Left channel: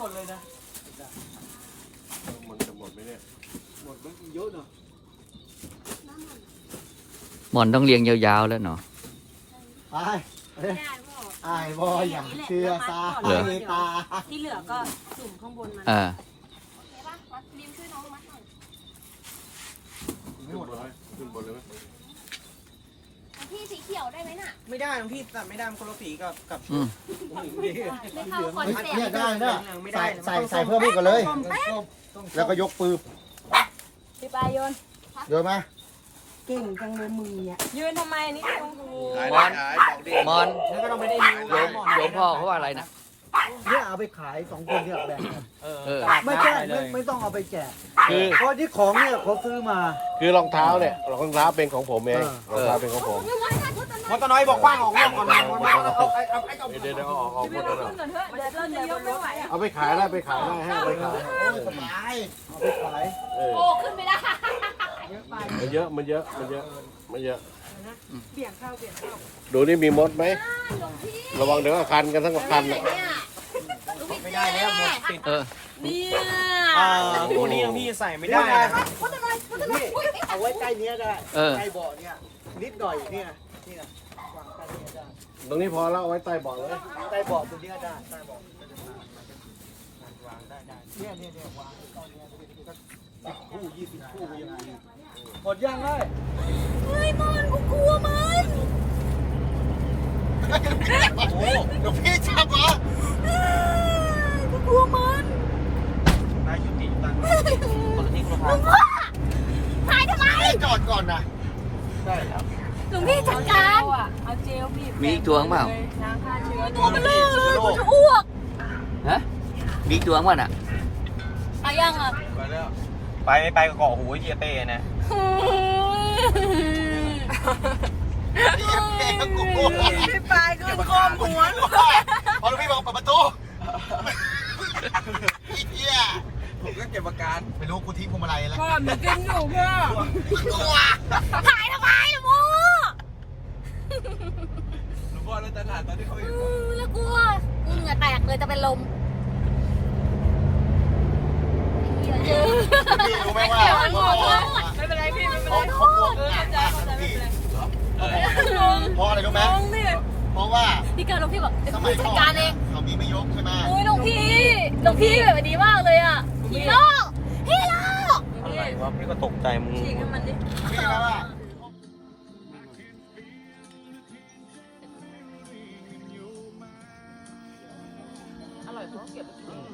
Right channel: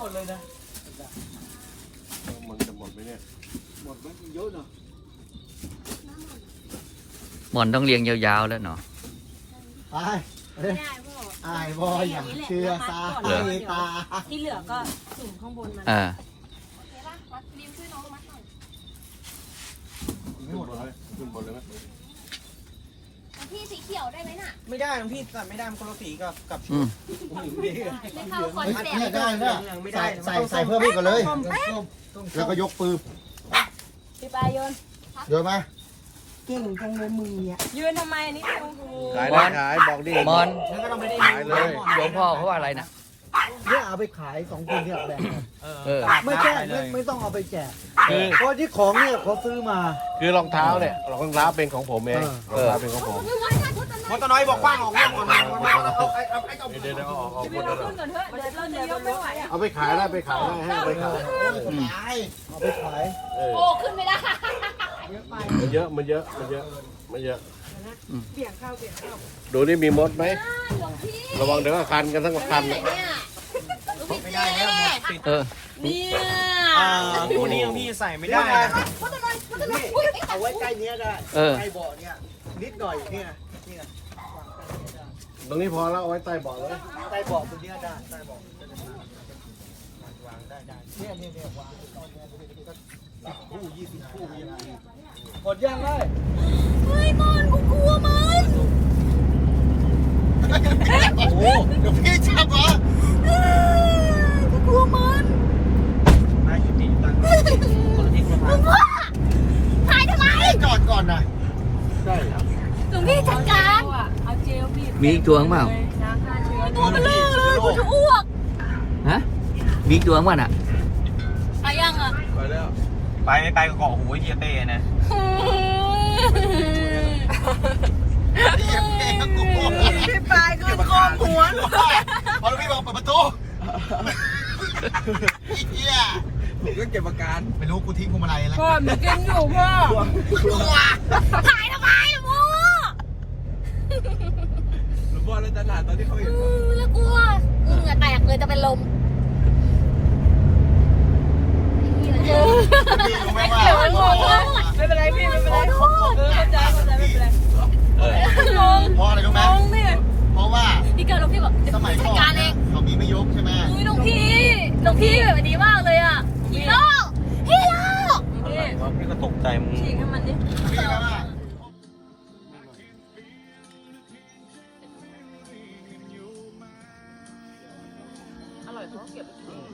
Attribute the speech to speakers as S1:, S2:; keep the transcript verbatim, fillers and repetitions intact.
S1: ดเลยนะ
S2: มันจะหมดไหมเนี่ย
S1: หมดมันเยอะเนาะ
S3: หมอนต้องเรียงยาวๆแล้วเนาะ
S1: ไอ้ไอ้บอยอย่างเชื่อตาไอ้ตา
S4: ที่เหลือก็จุ่มข้างบนมัน
S3: อ่า
S4: โอเคป่ะมัดริมช่วยน้องมัดหน่อย
S2: ขึ้นบนเลยขึ้นบนเลยไหม
S4: พี่สีเขียวได้ไหมน่ะ
S5: ไม่ได้พี่แต่ไม่ได้มันคนละสีกับกับ
S3: อืม
S4: ไม่เข้าคนเสีย
S1: เนี่ยได้นะใส่ใส่ใส่เพิ่มอีกก่อนเลยแล้วก็ยกปืน
S4: พี่ปลายโยน
S1: โยนมา
S4: เก่งจังเลยมืออ่ะยืนทำไมนี่โอ้โห
S2: มอนบอกดิ
S3: มอน
S1: แล้วก็ต้องไปได้
S3: โยมโยมพ่อเขาว่าอะไรนะ
S1: เนี่ยเอาไปขายสองคนที่แบ่ง
S3: เออ
S1: ไม่ใช่ไม่ไม่ต้องเอาไปแจกเพราะที่ของเนี่ยเขาซื้อมา
S2: คือรองเท้าเนี่ยรองเท้าเป็นของผมเองรองเท้าเป็นของผม
S5: มอตน้อยบอกกว้างออกร่องก่อนเอาเอาเอาเอา
S2: เดี๋ยวเดี๋ยวเอาออกหมดเลย
S4: ขึ้นก่อนเถอะเดี๋ยวเราจะยกไม่ไหวอ่ะ
S2: เอาไปขายได้ไปขายได้ให้ไปขาย
S1: สบายเอาไปขาย
S2: เออ
S4: โอ้ขึ้นไม่ได้เยอะไป
S2: มันเยอะมันเยอะมันเยอะไม่เยอะ
S4: เบี่ยงเข้าเบี่ยงเข้า
S2: ดูนี่มีมดไหม
S4: หลวงพี่
S2: ระวังเดี๋ยวคันกันทั้งคัน
S4: เนี่ยลูกพี่
S5: ไม่ได้แล้วหมดติด
S3: เออ
S4: เนี่ย
S5: ตัวนี้พี่ใส่ไม่ได้
S4: พุทธน้อยพุทธน้อย
S1: เอาไว้ใกล้เนี้ยได้
S3: เออ
S1: ใกล้เบาะเนี่ยนิดหน่อยเนี่ยเนี่ย
S2: ตรงนี้พอแล้วเอาไว้ใต้เบาะเลย
S1: ใกล้เบาะตรงเนี้ยได้ใกล้เบาะวางได้ได้เนี่ยเนี่ยเนี่ยวางตอนเนี้ยสิบคู่ยี่สิบคู่ยังไงหมดยังเลย
S4: เฮ้ยมันกูกลัวมัน
S1: หลวงพี่จับเหรอ
S4: กูกลัวมัน
S5: นายจุติตั้ง
S4: ลุงพ่อถ่ายทำไม
S1: จอดก่อนนะ
S4: หลวงพี่จัดการ
S3: มีอีกตัวข้างเปล่า
S4: ตัวมันเลยเลยกูจะอ้วก
S3: ฮะมีอีกตัวข้างเปล่าน่ะ
S4: เอายังอ่ะ
S5: ไปไปเกาะหัวเยียเต้นะ
S1: เองก็กลัว
S4: พี่ปลายคือคอมหัวลูก
S1: พอหลวงพี่บอกเปิดประตูเฮีย
S5: ผมก็เก็บอาการ
S1: ไม่รู้กูทิ้งพวงมาลัยแล้ว
S4: พ่อหนูกินอยู่พ่อถ่ายทำไมโม
S5: หลวงพ่อเล่นตลาดตอนที่เขาอยู่
S4: แล้วกลัวเหงื่อแตกเลยจะเป็นลมเจอไม่เกี่ยวกับไม่เป็นไรพี่ไม่เป็นไรเออเข้าใจเข้าใจไม่เป็นไรเออ
S1: เพราะอะไรรู้ไหม
S4: งงเนี่ย
S1: เพราะว่า
S4: พี่เกิดหลวงพี่บอกเดี๋ยวพี่จัดการเอง
S1: เรามีไม่ยกใช่ไหม
S4: อุ้ยหลวงพี่หลวงพี่แบบดีมากเลยอ่ะฮีโร่ฮีโร่
S5: พี่ก็ตกใจมึง
S4: ฉีกให้มันดิ
S1: เฮียว่า
S4: อร่อยทุกเก็บ